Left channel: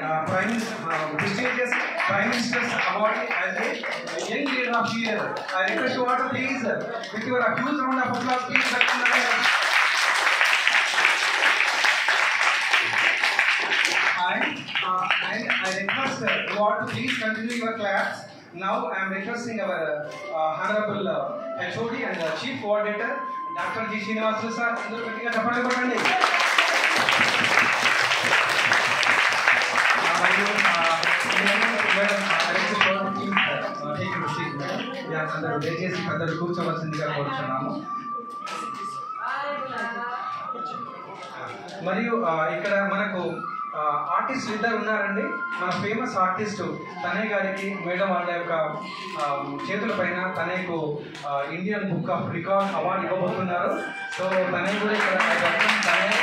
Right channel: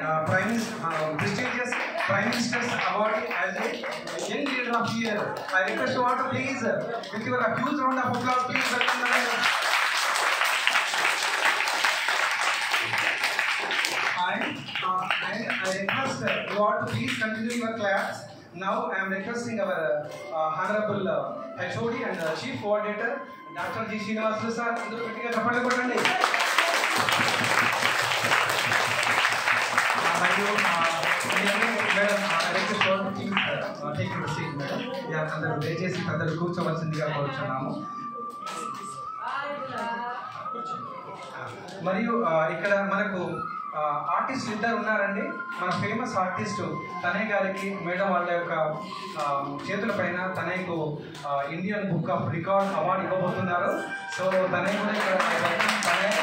prestigious Prime Minister's award as a Young Leader of the Year. I request you all to please, with your huge round of applause, please welcome the leader. And I request you all to please continue your claps. Now I am requesting our Honorable HOD and Chief Coordinator, Dr. G. Srinivasu sir. దయచేసి అందరూ కూర్చోవలసిందిగా కోరుచున్నాము. మరియు ఇక్కడ మనకు ఆర్టిస్టులు ఇద్దరు ఉన్నారండి. మన ఫేమస్ ఆర్టిస్టు తనయ్య గారికి మేడం వాళ్ళ యొక్క చేతుల పైన తనయ్యకు Indian book of record award ఇవ్వబోతున్నారు. సో తనయ్య కూడా ఇక్కడ తనయ్య